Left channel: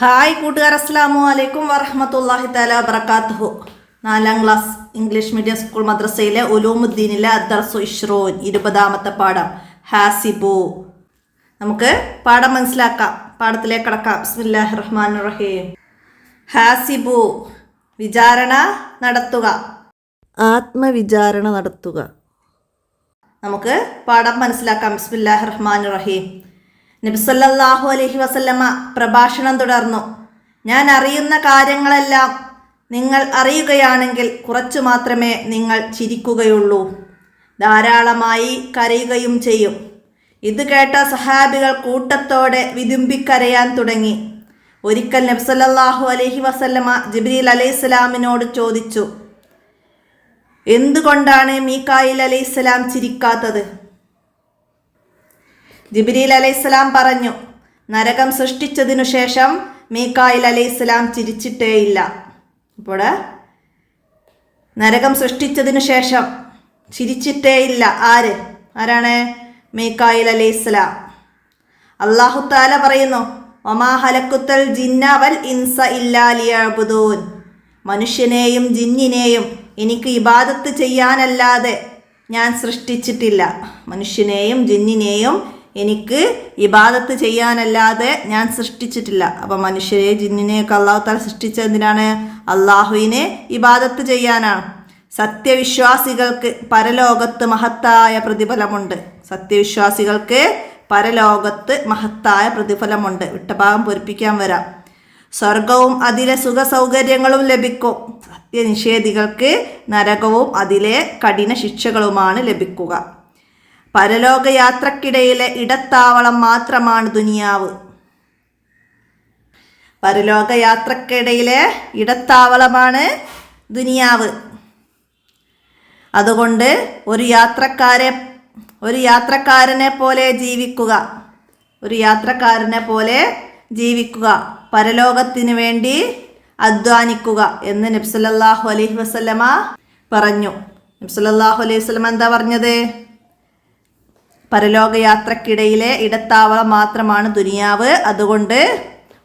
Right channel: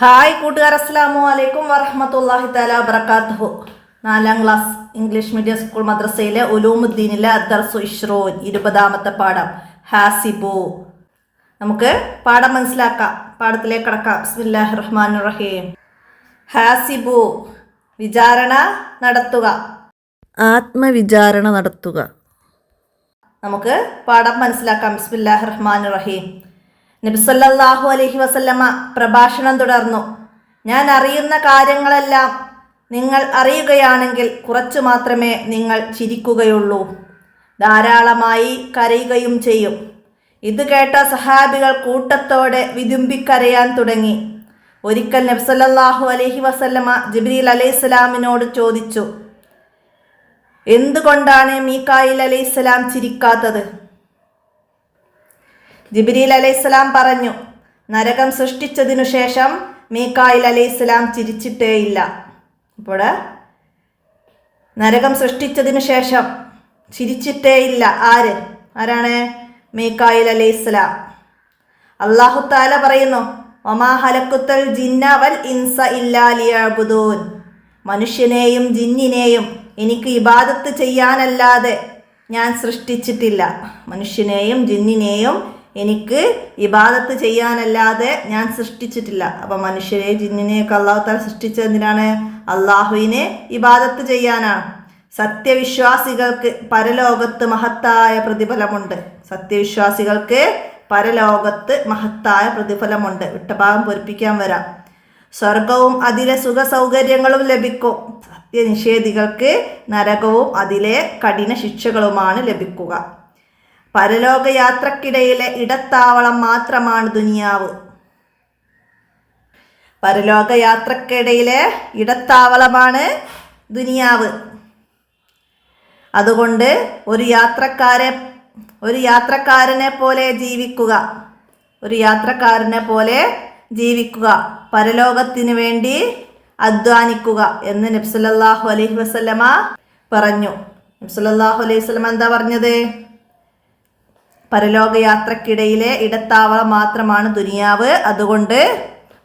Hi കൂട്ടുകാർ, അസ്സലാമു അലൈക്കും വറഹ്മത്തുള്ളാഹി തആല വബറകാതുഹു. 4ാം ക്ലാസ് ഇംഗ്ലീഷ് മീഡിയം സ്കൂൾ മദ്രസയിലെ ഉലൂമുദ്ദീനിലെ അദ്ദർസു ഇശ്റൂൻ 20ാമത്തെ പാഠം ഹാസിബു. നമുക്ക് പാഠം മനസ്സിലാക്കാം. പാഠത്തിലേക്ക് കടക്കാം. ബിസ്മില്ലാഹിർ റഹ്മാനിർ റഹീം. ഹാസിബു, വിചാരണ നടത്തുക, ആത്മവിചാരണ നടത്തുക. നമുക്ക് പാഠം മനസ്സിലാക്കാം. ബിസ്മില്ലാഹിർ റഹ്മാനിർ റഹീം. നബി സല്ലല്ലാഹു അലൈഹി വസല്ലമ പ്രഭാഷണം തുടർന്നു. ഞാൻ അറിയുന്ന കാര്യങ്ങളെല്ലാം നിങ്ങൾ അറിയുകയാണെങ്കിൽ കുറച്ചു മാത്രമേ നിങ്ങൾ ചിരിക്കുകയുള്ളൂ, ധാരാളമായി കരയുകയും ചെയ്യും. ഇത് കേട്ട സഹാബികൾ കൂട്ടത്തോടെ വിതുമ്പിക്കരയാൻ തുടങ്ങി. ഒരിക്കൽ നബി സല്ലല്ലാഹു അലൈഹി വസല്ലമ ജിബ്രീൽ അലൈഹിസ്സലാമിനോട് ചോദിച്ചു, എന്തുകൊണ്ടാണ് മീകായിൽ അലൈഹിസ്സലാം ചിരിക്കാത്തത്? ജിബ്രീൽ അലൈഹിസ്സലാം പറഞ്ഞു, നരകം സൃഷ്ടിച്ചതിനു ശേഷം മീകായിൽ അലൈഹിസ്സലാം ചിരിച്ചിട്ടേയില്ല. അപ്പോൾ നരകം സൃഷ്ടിച്ചതിനു ശേഷം ചിരിച്ചിട്ടേയില്ല. ആരാണ്? മീകായിൽ അലൈഹിസ്സലാം. അല്ലാഹു തആല പറയുന്നു, വമാ ഹലഖ്തുൽ ജിന്ന വൽ ഇൻസ ഇല്ലാ ലിയഅ്ബുദൂൻ. മനുഷ്യനെയും ജിന്നിനെയും എനിക്ക് ഇബാദത്ത് ചെയ്യാനല്ലാതെ ഞാൻ സൃഷ്ടിച്ചിട്ടില്ല. മനുഷ്യനെയും ജിന്നിനെയും എനിക്ക് ഇബാദത്ത് ചെയ്യാനല്ലാതെ ഞാൻ സൃഷ്ടിച്ചിട്ടില്ല. അപ്പം മനുഷ്യരെ ജിന്നിനെയൊക്കെ അള്ളാഹു തആല സൃഷ്ടിച്ചത് എന്തിനാണ്? അള്ളാഹുവിനെ ഇബാദത്ത് ചെയ്യാനാണ്. സത്യവിശ്വാസികൾക്ക് പരലോകത്ത് മഹത്തായ പ്രതിഫലമുണ്ട്. സത്യവിശ്വാസികൾക്ക് പരലോകത്ത് മഹത്തായ പ്രതിഫലമുണ്ട്. വിട്ടഭാഗം പൊരിപ്പിക്കാൻ വരാം. സ്വർഗവും അതിലെ സുഖ സൗകര്യങ്ങളും ലഭിക്കും. സത്യനിഷേധികൾക്ക് നരകവും അതിലെ കഠിന ശിക്ഷകളുമാണ് ലഭിക്കുക. പരലോകയാത്രക്കിടയിലെ ഇടത്താവളം മാത്രമാണ് ദുനിയാവ്. പരലോകയാത്രക്കിടയിലെ ഇടത്താവളമാണ് ദുനിയാവ്. അതുകൊണ്ട് ഒരു യാത്രക്കാരനെ പോലെ ജീവിക്കുക, പരലോകത്തിന് വേണ്ടി അധ്വാനിക്കുക എന്ന് നബി സല്ലല്ലാഹു അലൈഹി വസല്ലമ പറഞ്ഞു. നബി സല്ലല്ലാഹു അലൈഹി വസല്ലമ എന്താ പറഞ്ഞത്? പരലോകയാത്രക്കിടയിലെ ഇടത്താവളം മാത്രമാണ് ദുനിയാവ്. അതുകൊണ്ട്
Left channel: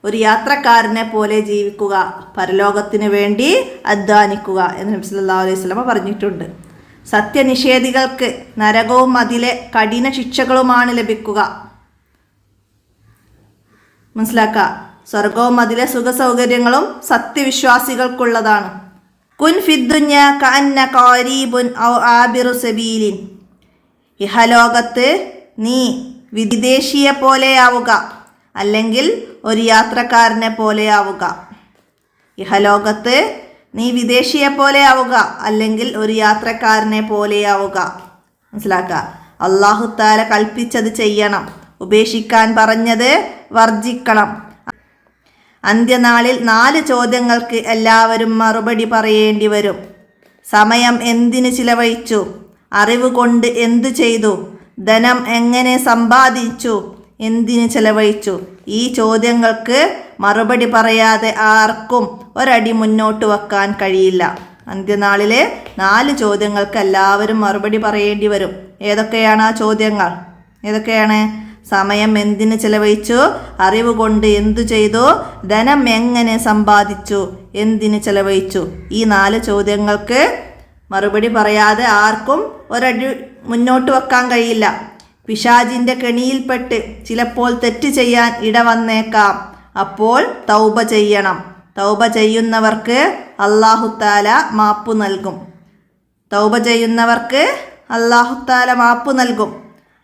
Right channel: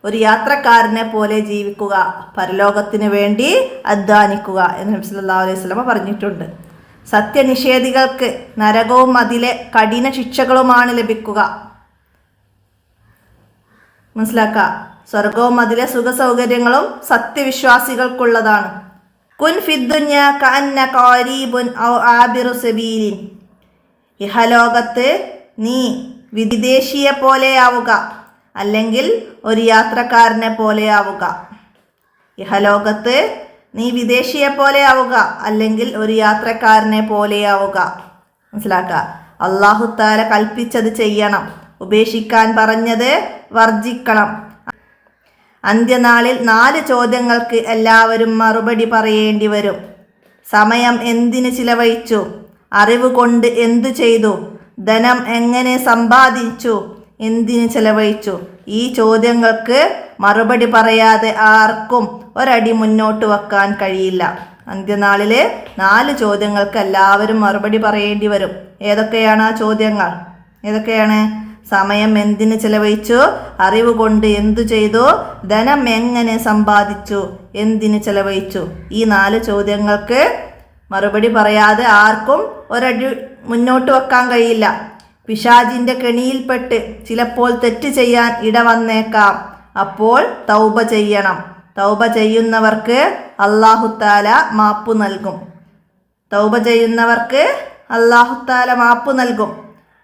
ഒരു യാത്രക്കാരനെ പോലെ ജീവിക്കുക, പരലോകത്തിന് വേണ്ടി അധ്വാനിക്കുക എന്ന് നബി സല്ലല്ലാഹു അലൈഹി വസല്ലമ പറഞ്ഞിട്ടുണ്ട്. സത്യനിഷേധികൾക്ക് നരകവും അതിലെ കഠിന ശിക്ഷകളുമാണ് ലഭിക്കുക. മനസ്സിലാക്കുക. സ്വർഗവും അതിലെ സുഖ സൗകര്യങ്ങളും സത്യവിശ്വാസികൾക്കുള്ളതാണ്. കുൻ ഫിദ്ദുന്യ കഅന്നക ഖരീബുൻ ഔ ആബിറു സബീലിൻ. ഇഹലോകത്ത് നീ വിദേശിയെ പോലെയാവുക, അല്ലെങ്കിൽ ഒരു യാത്രക്കാരനെ പോലെയാവുക. ഇഹലോകത്ത് നീ വിദേശിയെ പോലെയാവുക, അല്ലെങ്കിൽ ഒരു യാത്രക്കാരനെ പോലെയാവുക. മനസ്സിലാക്കുക. അല്ലാഹു തആല കൽപ്പിച്ചത് ചെയ്യണം, ഉപേക്ഷിക്കാൻ പറഞ്ഞത് വർജിക്കണം. അന്ത്യനാളിൽ 4 ചോദ്യങ്ങൾക്ക് എല്ലാവരും മറുപടി പറയേണ്ടി വരും. സമയം എന്തിന് ചിലവഴിച്ചു? അറിവ് കൊണ്ട് എന്തു ചെയ്തു? ധനം എങ്ങനെ സമ്പാദിച്ചു? എന്തിന് ചെലവഴിച്ചു? ഈ ചോദ്യങ്ങൾക്ക് മറുപടി പറയാതെ ആർക്കും ഒരടി മുന്നോട്ട് വെക്കാൻ കഴിയില്ല. അന്ത്യനാളിലെ 4 ചോദ്യങ്ങൾക്ക് എല്ലാവരും മറുപടി പറയേണ്ടി വരും. ഏതൊക്കെയാണ് ആ ചോദ്യങ്ങൾ? ഏതൊക്കെയാണ്? സമയം എന്തിന് ചെലവഴിച്ചു? അറിവ് കൊണ്ട് എന്തു ചെയ്തു? ധനം എങ്ങനെ സമ്പാദിച്ചു? എന്തിന് ചെലവഴിച്ചു? ഈ 4 ചോദ്യങ്ങൾക്ക് മറുപടി പറയാതെ ആർക്കും ഒരടി മുന്നോട്ട് വെക്കാൻ കഴിയില്ല. പിശാചിൻ്റെ കെണിയിൽപ്പെട്ട് ചിലപ്പോൾ തെറ്റ് ചെയ്യാൻ ഇടവന്നേക്കാം. അപ്പോൾ തൗബ ചെയ്യണം. തൗബ ചെയ്യുന്നവർക്ക് അല്ലാഹു തആല മാപ്പ് നൽകും. തൗബ ചെയ്യുന്നവർക്ക് അല്ലാഹു തആല മാപ്പ് നൽകും.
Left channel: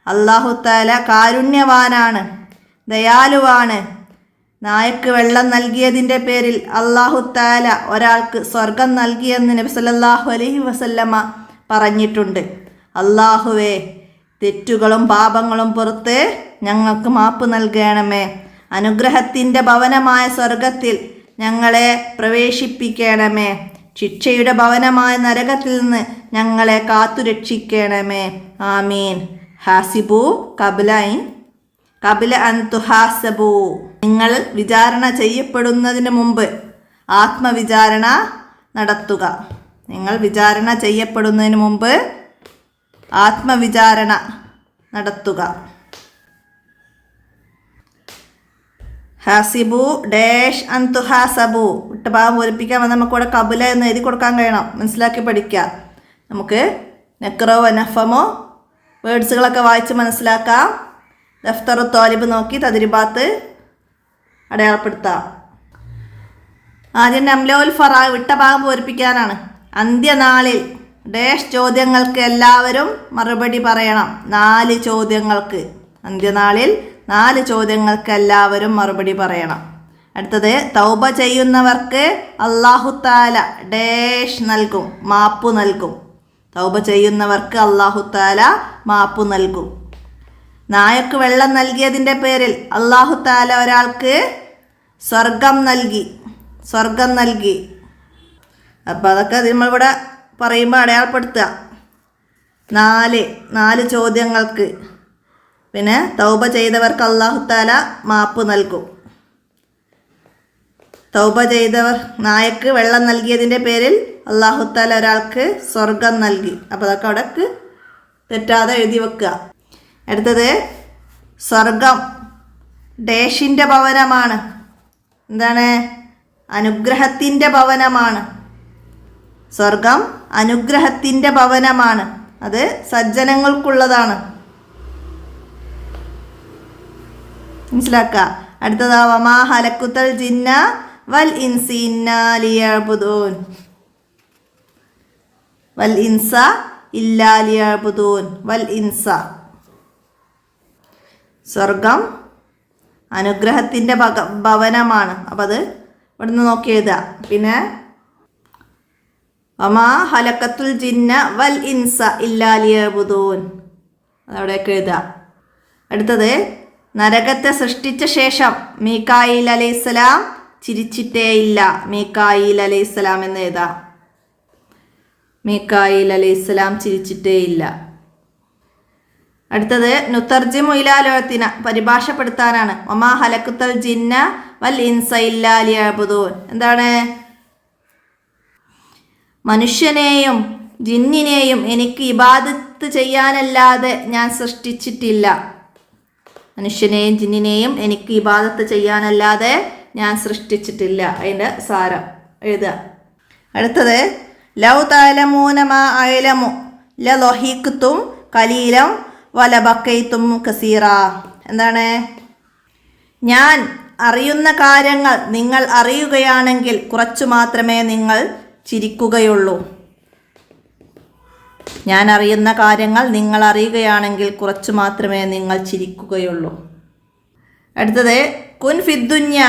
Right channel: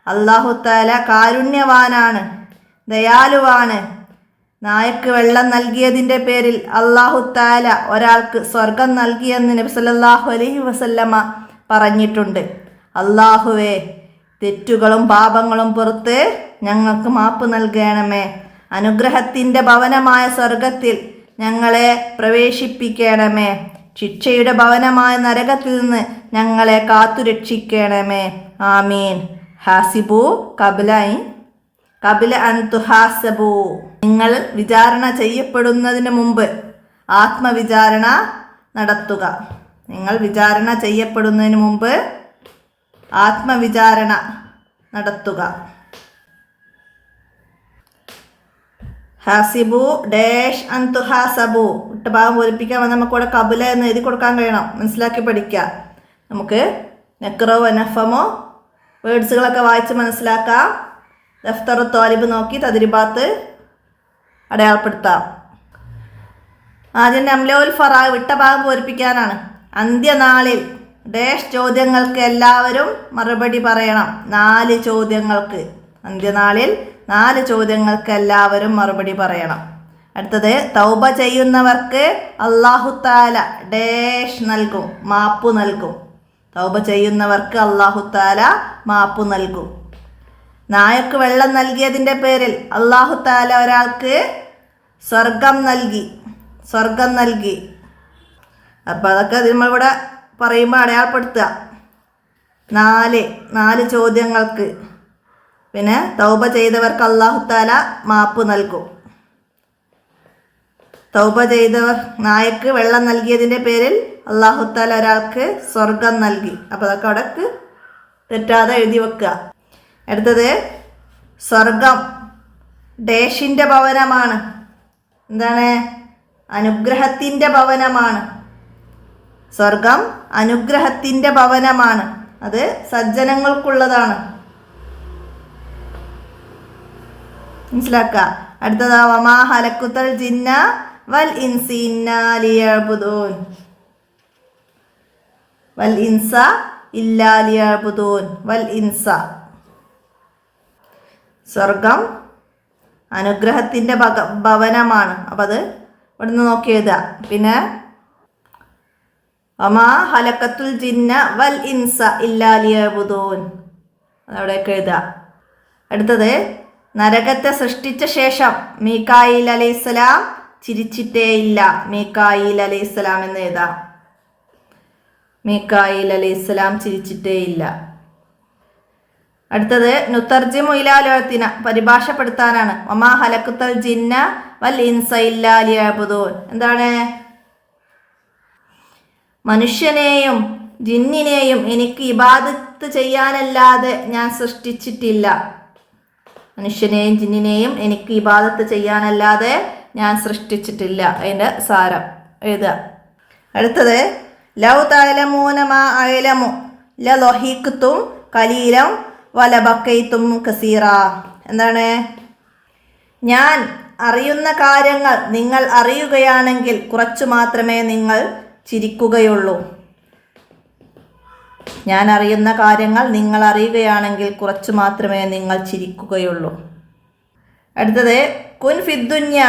അല്ലാഹു തആല കാരുണ്യവാനാണ്, ദയാലുവാണ്. നായക്ക് വെള്ളം നൽകിയതിൻ്റെ പേരിൽ അല്ലാഹു തആല ഒരാൾക്ക് സ്വർഗം നൽകിയെന്ന് നബി സല്ലല്ലാഹു അലൈഹി വസല്ലമ പറഞ്ഞിട്ടുണ്ട്. അല്ലാഹുവേ, തെറ്റുകളും പാപങ്ങളും പുറത്ത് ഞങ്ങൾക്ക് മാപ്പ് നൽകണമേ. അനുഗ്രഹത്തിൻ്റെ ഭവനമായ സ്വർഗത്തിൽ ഞങ്ങളെ പ്രവേശിപ്പിക്കണമേ. ശിക്ഷയുടെ ഭവനമായ നരകത്തിൽ നിന്ന് ഞങ്ങളെ കാത്തുരക്ഷിക്കണമേ. ആമീൻ. ഹാസിബു കബില അൻ തുഹാസബു. നിങ്ങൾ വിചാരണ ചെയ്യപ്പെടുന്നതിന് മുമ്പ് ആത്മവിചാരണ നടത്തുക. നിങ്ങൾ വിചാരണ ചെയ്യപ്പെടുന്നതിന് മുമ്പ് ആത്മവിചാരണ നടത്തുക. ഹാസിബു ഡാഷ് അന്തു ഹാസബു ഇട്ട ഭാഗം പൂരിപ്പിക്കാൻ നമുക്കിവിടെ കബുല എന്ന് എഴുതി കൊടുക്കാൻ കഴിയണം. മനസ്സിലാക്കി പഠിക്കുക. നമുക്ക് നെക്റോ വനഫമോ വേർഡ്സുകളൊക്കെ വായിച്ച് മനസ്സിലാക്കാം. ദഫ്തറു തോലിബ് നോക്കി തദ്രിബാത്ത് അടയാളപ്പെടുത്താം. ആദ്യം നംലോൽ ഫറാ വിട്ട ഭാഗം പൂരിപ്പിക്കാനാണ്. അന്ത്യനാളിൽ ഡാഷ് ചോദ്യങ്ങൾക്ക് എല്ലാവരും മറുപടി പറയണം. 4 ചോദ്യങ്ങൾക്ക്. അന്ത്യനാളിൽ 4 ചോദ്യങ്ങൾക്ക് എല്ലാവരും മറുപടി പറയണം. അടുത്തത് തൗബ ചെയ്യുന്നവർക്ക് അല്ലാഹു തആല ഡാഷ് നൽകും, മാപ്പ് നൽകും. തൗബ ചെയ്യുന്നവർക്ക് അല്ലാഹു തആല മാപ്പ് നൽകും. നായക്ക് വെള്ളം നൽകിയതിൻ്റെ പേരിൽ അല്ലാഹു തആല ഒരാൾക്ക് സ്വർഗം നൽകി. അപ്പോൾ അതൊക്കെ നമ്മളിവിടെ പറയുമ്പോൾ അടയാളപ്പെടുത്തുക. 4 ചോദ്യങ്ങൾക്ക്. പിന്നെ തൗബ ചെയ്തവർക്ക് അല്ലാഹു തആല മാപ്പ് നൽകും. തൗബ ചെയ്തവർ നായക്ക് വെള്ളം നൽകിയതിൻ്റെ പേരിൽ അല്ലാഹു തആല ഒരാൾക്ക് സ്വർഗം നൽകി. അപ്പോൾ അതൊക്കെ അവിടേക്ക് തെറ്റാതെ എഴുതി വെക്കുക. അടുത്തത് സ്വർഗം ഡേഷിൻ്റെ ഭവനമാണ്. എന്താണ്? അനുഗ്രഹത്തിൻ്റെ ഭവനമാണ്. സ്വർഗം അനുഗ്രഹത്തിൻ്റെ ഭവനമാണ്. അത് സജ്ജനങ്ങൾക്കുള്ളതാണ്. മനസ്സിലാക്കുക. അടുത്തതാ വമാ ഹലക്കുത്തൽ ജിന്ന വൽ ഇൻസി ഇല്ലാ ലിയഅ്ബുദൂൻ. വൽ ഇൻസ ഇല്ലാ ലിയഅ്ബുദൂൻ. വൽ ഇൻസ സ്വർഗം അനുഗ്രഹത്തിൻ്റെ ഭവനമാണ്. അപ്പം അത് ഇവിടുന്ന് നോക്കി എഴുതുക. പിന്നെ വമാ ഹലക്കത്തുൽ ജിന്ന വൽ ഇൻസ ഇല്ലാ ലിയഅ്ബുദൂൻ അതവിടെയൊക്കെ എഴുതുക. അടുത്തത് നരകത്തെ സൃഷ്ടിച്ച ശേഷം മീകായിൽ അലൈഹിസ്സലാം ചിരിച്ചിട്ടേയില്ല. മീകായിൽ അലൈഹിസ്സലാം എന്ന് എഴുതാം. മീകായിൽ അലൈഹിസ്സലാം ചിരിച്ചിട്ടേയില്ല. അടുത്തത് നുതർജിമു ഇലാ ലോകത്തിന പരിഭാഷപ്പെടുത്താനാണ്. വമാ ഹലക്കുത്തൽ ജിന്ന വൽ ഇൻസ ഇല്ലാ ലിയഅ്ബുദൂൻ. എന്താണ്? മനുഷ്യനെയും ജിന്നിനെയും എനിക്ക് ഇബാദത്ത് ചെയ്യാനല്ലാതെ ഞാൻ സൃഷ്ടിച്ചിട്ടില്ല. മനുഷ്യനെയും ജിന്നിനെയും എനിക്ക് ഇബാദത്ത് ചെയ്യാനല്ലാതെ ഞാൻ സൃഷ്ടിച്ചിട്ടില്ല. അതിൻ്റെ സാരം എഴുതുക. അടുത്തത് ലൗ തഅലമൂന മാ അഅലമു ലളഹിഖ്തും ഖലീലൻ വലബഖൈതും കസീറ. എന്താണ്? ഞാൻ അറിയുന്ന കാര്യങ്ങൾ നിങ്ങൾ അറിയുകയാണെങ്കിൽ കുറച്ചു മാത്രമേ നിങ്ങൾ ചിരിക്കുകയുള്ളൂ. ഞാൻ അറിയുന്ന കാര്യങ്ങൾ നിങ്ങൾ അറിയുകയാണെങ്കിൽ കുറച്ചു മാത്രമേ നിങ്ങൾ ചിരിക്കുകയുള്ളൂ. അടുത്തത് കുൻ ഫിദ്ദുന്യ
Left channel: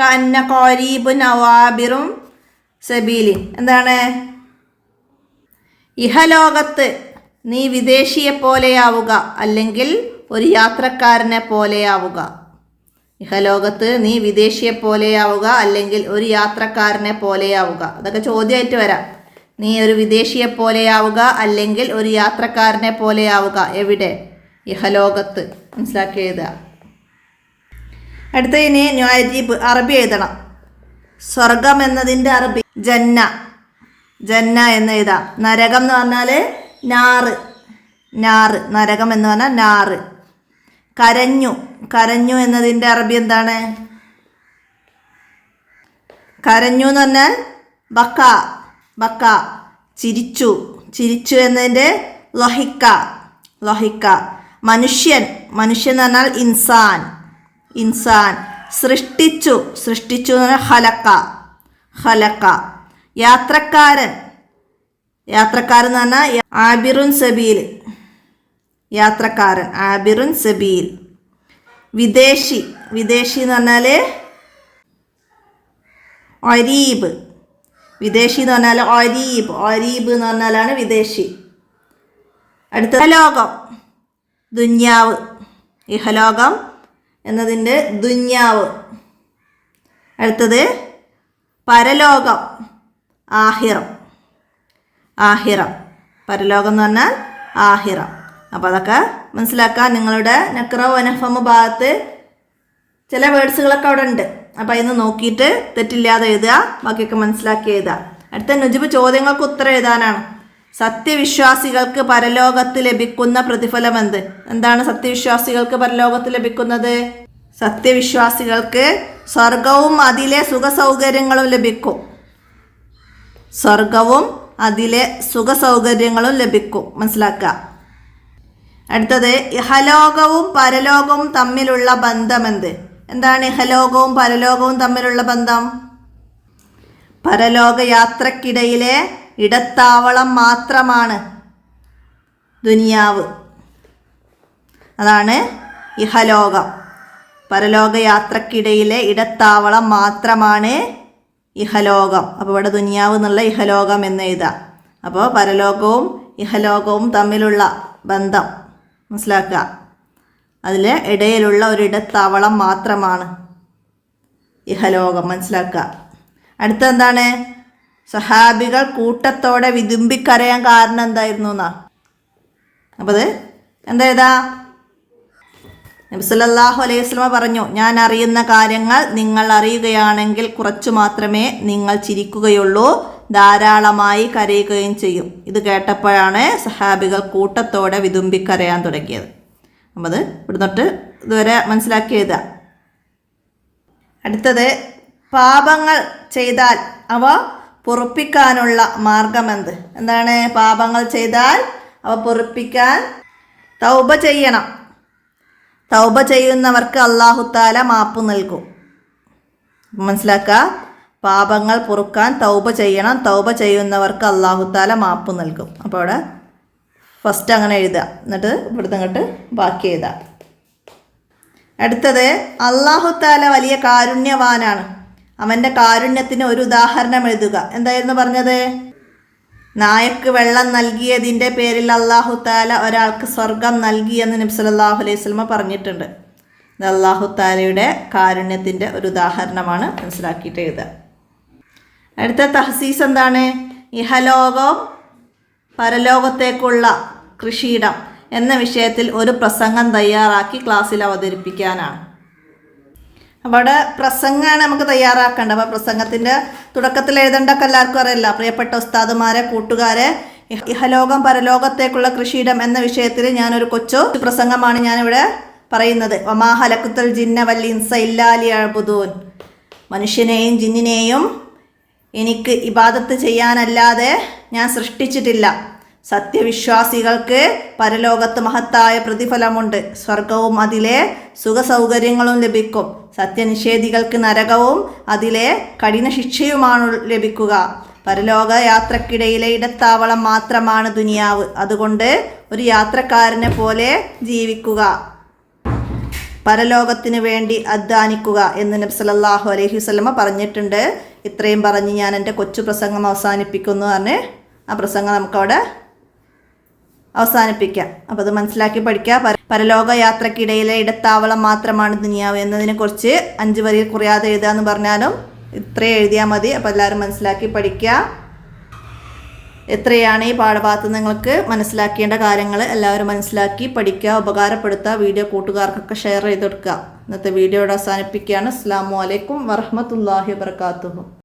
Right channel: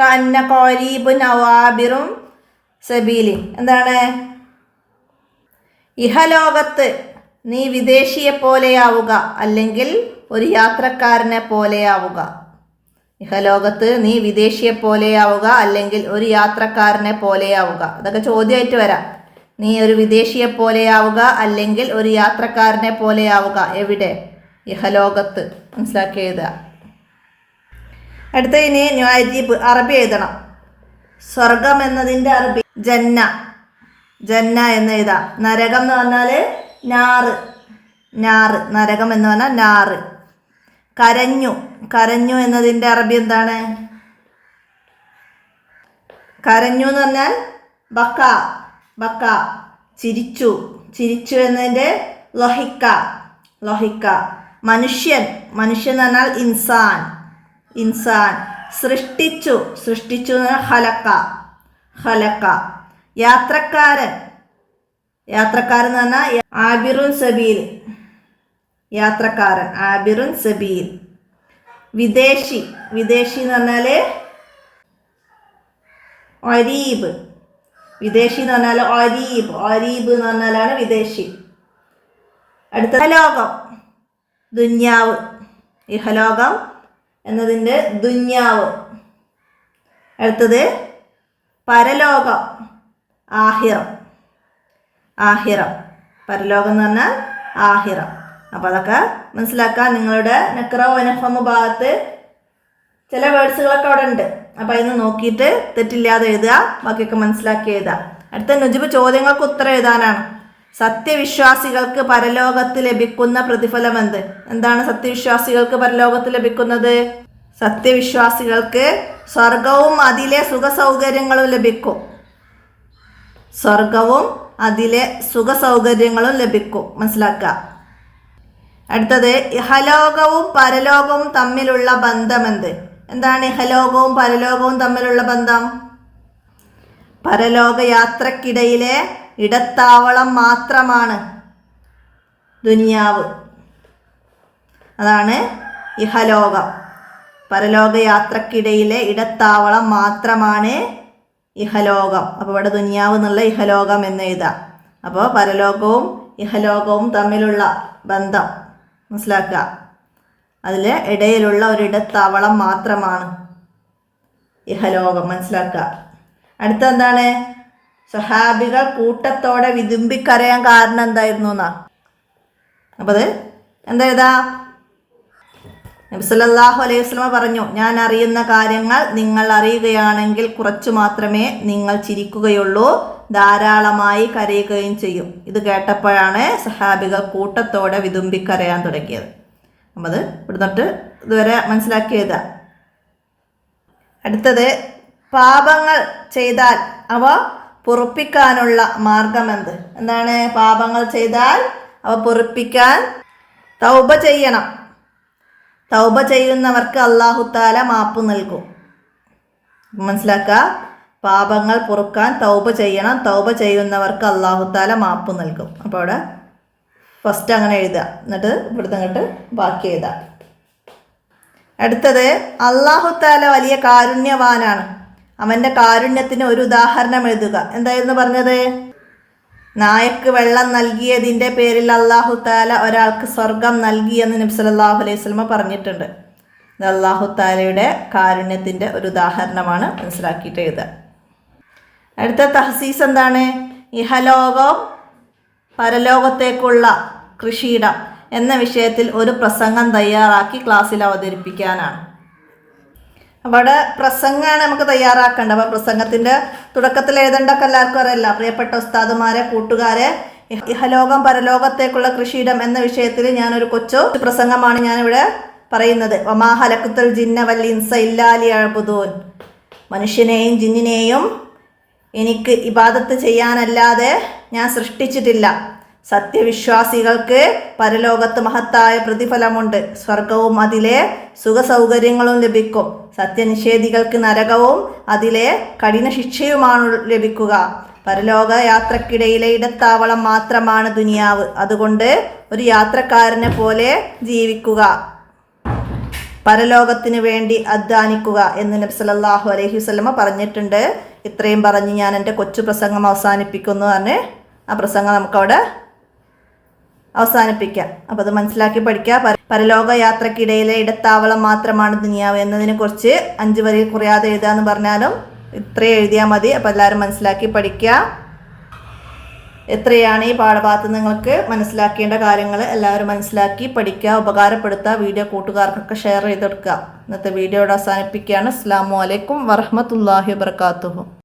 കഅന്ന ഖരീബുൻ അവാബിറും സബീലി. എന്താണ്? ഇഹലോകത്ത് നീ വിദേശിയെ പോലെയാവുക അല്ലെങ്കിൽ ഒരു യാത്രക്കാരനെ പോലെയാവുക. ഇഹലോകത്ത് നീ വിദേശിയെ പോലെയാവുക അല്ലെങ്കിൽ ഒരു യാത്രക്കാരനെ പോലെയാവുക. അതൊക്കെ ചോദ്യമായിട്ട് വരാം. നീ ഒരു വിദേശിയെ പോലെയാവുക അല്ലെങ്കിൽ ഒരു യാത്രക്കാരനെ പോലെയാവുക. എവിടെ? ഇഹലോകത്ത്. മനസ്സിലാക്കി എഴുതുക. അടുത്ത ഇനി ന്യായീബ് അറബി എഴുതണം. സ്വർഗം എന്നതിൻ്റെ അറബി ജന്ന. ജന്ന എന്ന് എഴുതാം. നരകം എന്ന് പറഞ്ഞാൽ നാറ്. നരകം എന്ന് പറഞ്ഞാൽ നാറ്. കരഞ്ഞു എന്നതിൻ്റെ അറബി എന്താണ്? കരഞ്ഞു എന്ന് പറഞ്ഞാൽ ബക്ക. ചിരിച്ചു എന്നതിൻ്റെ ലൊഹിക്ക. മനുഷ്യൻ എന്ന് പറഞ്ഞാൽ ഇൻസാൻ. സൃഷ്ടിച്ചു എന്ന് പറഞ്ഞാൽ ഹലക്ക. യാത്രക്കാരൻ എന്ന് പറഞ്ഞാൽ ആബിറുൻ സബീൽ. യാത്രക്കാരൻ ആബിറുൻ സബീൽ. വിദേശി എന്ന് പറഞ്ഞാൽ അരീബ്. വിദേശി എന്ന് പറഞ്ഞാൽ അരീബ് എന്ന് പറഞ്ഞാലാണ് വിദേശി. അടുത്ത ലോകം ദുന്യാവ്. ഇഹലോകം എന്നതിൻ്റെ ദുന്യാവ്. അടുത്തത് പരലോകം ആഹിറം. പരലോകം എന്ന് പറഞ്ഞാൽ ആഹിറം. അപ്പോൾ അതൊക്കെ മനസ്സിലാക്കാൻ നിങ്ങളുടെ നക്റ വനഫമ ഭാഗത്ത് ചില വേർഡ്സുകളൊക്കെ അവിടെ ഉണ്ട്. അപ്പോൾ അതിന് നോക്കിയിട്ട് തെറ്റില്ലാതെ എഴുതുക. ബാക്കിയൊക്കെ മനസ്സിലാക്കി എഴുതുക. അടുത്ത നുജിബ് ചോദ്യങ്ങൾക്ക് ഉത്തരം എഴുതാനാണ്. സത്യവിശ്വാസികൾക്ക് പരലോകത്ത് ലഭിക്കുന്ന പ്രതിഫലം എന്ത്? എന്താണ് സത്യവിശ്വാസികൾക്ക് പരലോകത്ത് ലഭിക്കുന്നത്? സത്യവിശ്വാസികൾക്ക് സ്വർഗവും അതിലെ സുഖസൗകര്യങ്ങളും ലഭിക്കും. സ്വർഗവും അതിലെ സുഖസൗകര്യങ്ങളും ലഭിക്കും. മനസ്സിലാക്കുക. അടുത്തത് ഇഹലോകവും പരലോകവും തമ്മിലുള്ള ബന്ധമെന്ത്? എന്താണ് ഇഹലോകവും പരലോകവും തമ്മിലുള്ള ബന്ധം? പരലോക യാത്രക്കിടയിലെ ഇടത്താവളം മാത്രമാണ് ദുനിയാവ്. അതാണ് ഇഹലോകം. പരലോക യാത്രക്കിടയിലെ ഇടത്താവളം മാത്രമാണ് ഇഹലോകം. അപ്പോൾ ഇവിടെ ദുനിയാവ് എന്നുള്ള ഇഹലോകം എന്ന് എഴുതാം. അപ്പോൾ പരലോകവും ഇഹലോകവും തമ്മിലുള്ള ബന്ധം മനസ്സിലാക്കുക. അതിൽ ഇടയിലുള്ള ഒരിടത്താവളം മാത്രമാണ് ഇഹലോകം. മനസ്സിലാക്കുക. അടുത്തെന്താണ്? സഹാബികൾ കൂട്ടത്തോടെ വിതുമ്പിക്കരയാൻ കാരണം എന്തായിരുന്നു എന്നാ. അപ്പോൾ അത് എന്താ? നബി സല്ലല്ലാഹു അലൈഹി വസല്ലമ പറഞ്ഞു, ഞാൻ അറിയുന്ന കാര്യങ്ങൾ നിങ്ങൾ അറിയുകയാണെങ്കിൽ കുറച്ചു മാത്രമേ നിങ്ങൾ ചിരിക്കുകയുള്ളൂ, ധാരാളമായി കരയുകയും ചെയ്യും. ഇത് കേട്ടപ്പോഴാണ് സഹാബികൾ കൂട്ടത്തോടെ വിതുമ്പിക്കരയാൻ തുടങ്ങിയത്. അപ്പം അത് ഇവിടുന്നിട്ട് ഇതുവരെ മനസ്സിലാക്കിയതാ. അടുത്തത് പാപങ്ങൾ ചെയ്താൽ അവ പൊറുപ്പിക്കാനുള്ള മാർഗമെന്ത്? എന്താണ്? പാപങ്ങൾ ചെയ്താൽ അവ പൊറുപ്പിക്കാൻ തൗബ ചെയ്യണം. തൗബ ചെയ്യുന്നവർക്ക് അല്ലാഹു തആല മാപ്പ് നൽകും. മനസ്സിലാക്കുക. പാപങ്ങൾ പൊറുക്കാൻ തൗബ ചെയ്യണം. തൗബ ചെയ്യുന്നവർക്ക് അല്ലാഹു തആല മാപ്പ് നൽകും. അപ്പോൾ അവിടെ ഫസ്റ്റ് അങ്ങനെ എഴുതുക, എന്നിട്ട് ഇവിടുന്ന് അങ്ങോട്ട് ബാക്കി എഴുതുക. അടുത്തത് അല്ലാഹു തആല വലിയ കാരുണ്യവാനാണ്. അവൻ്റെ കാരുണ്യത്തിന് ഒരു ഉദാഹരണം എഴുതുക. എന്തായിരുന്നു പറഞ്ഞത്? നായക്ക് വെള്ളം നൽകിയതിൻ്റെ പേരിൽ അല്ലാഹു തആല ഒരാൾക്ക് സ്വർഗം നൽകി എന്ന് നബി സല്ലല്ലാഹു അലൈഹി വസല്ലമ പറഞ്ഞിട്ടുണ്ട്. ഇത് അല്ലാഹു തആലയുടെ കാരുണ്യത്തിൻ്റെ ഒരു ഉദാഹരണമാണ്. മനസ്സിലാക്കിയിട്ട് എഴുതുക. അടുത്ത തഹ്സീസ് എന്താണ്? ഇഹലോകം പരലോകത്തേക്കുള്ള കൃഷിയിടം എന്ന വിഷയത്തിൽ ഒരു പ്രസംഗം തയ്യാറാക്കി ക്ലാസ്സിൽ അവതരിപ്പിക്കാനാണ്. അവിടെ പ്രസംഗമാണ് നമുക്ക് തയ്യാറാക്കേണ്ടത്. അപ്പോൾ പ്രസംഗത്തിൻ്റെ തുടക്കത്തിൽ എഴുതേണ്ടൊക്കെ എല്ലാവർക്കും അറിയില്ല. പ്രിയപ്പെട്ട ഉസ്താദുമാരെ, കൂട്ടുകാരെ, ഇഹലോകം പരലോകത്തേക്കുള്ള കൃഷിയിടം എന്ന വിഷയത്തിൽ ഞാനൊരു കൊച്ചു പ്രസംഗമാണ് ഞാനിവിടെ പറയുന്നത്. വമാ ഹലഖ്തുൽ ജിന്ന വൽ ഇൻസ ഇല്ലാ ലിയഅ്ബുദൂൻ. മനുഷ്യനെയും ജിന്നിനെയും എനിക്ക് ഇബാദത്ത് ചെയ്യാനല്ലാതെ ഞാൻ സൃഷ്ടിച്ചിട്ടില്ല. സത്യവിശ്വാസികൾക്ക് പരലോകത്ത് മഹത്തായ പ്രതിഫലമുണ്ട്. സ്വർഗവും അതിലെ സുഖസൗകര്യങ്ങളും ലഭിക്കും. സത്യനിഷേധികൾക്ക് നരകവും അതിലെ കഠിന ശിക്ഷയുമാണ് ലഭിക്കുക. പരലോക യാത്രക്കിടയിലെ ഇടത്താവളം മാത്രമാണ് ദുനിയാവ്. അതുകൊണ്ട് ഒരു യാത്രക്കാരനെ പോലെ ജീവിക്കുക, പരലോകത്തിന് വേണ്ടി അധ്വാനിക്കുക എന്ന് നബി സല്ലല്ലാഹു അലൈഹി വസല്ലമ പറഞ്ഞിട്ടുണ്ട്. ഇത്രയും പറഞ്ഞ് ഞാൻ എൻ്റെ കൊച്ചു പ്രസംഗം അവസാനിപ്പിക്കുന്നു. തന്നെ ആ പ്രസംഗം നമുക്കവിടെ അവസാനിപ്പിക്കാം. അപ്പോൾ അത് മനസ്സിലാക്കി പഠിക്കുക. പരലോക യാത്രക്കിടയിലെ ഇടത്താവളം മാത്രമാണ് ദുനിയാവ് എന്നതിനെക്കുറിച്ച് 5 വരിയിൽ കുറയാതെ എഴുതാമെന്ന് പറഞ്ഞാലും ഇത്രയും എഴുതിയാൽ മതി. അപ്പോൾ എല്ലാവരും മനസ്സിലാക്കി പഠിക്കുക. എത്രയാണ് ഈ പാഠഭാഗത്ത് നിങ്ങൾക്ക് മനസ്സിലാക്കേണ്ട കാര്യങ്ങൾ എല്ലാവരും മനസ്സിലാക്കി പഠിക്കുക, ഉപകാരപ്പെടുത്തുക. വീഡിയോ കൂട്ടുകാർക്കൊക്കെ ഷെയർ ചെയ്ത് കൊടുക്കുക. ഇന്നത്തെ വീഡിയോ ഇവിടെ അവസാനിപ്പിക്കുകയാണ്. അസ്സലാമു അലൈക്കും വറഹ്മത്തുള്ളാഹി വബറകാതുഹു.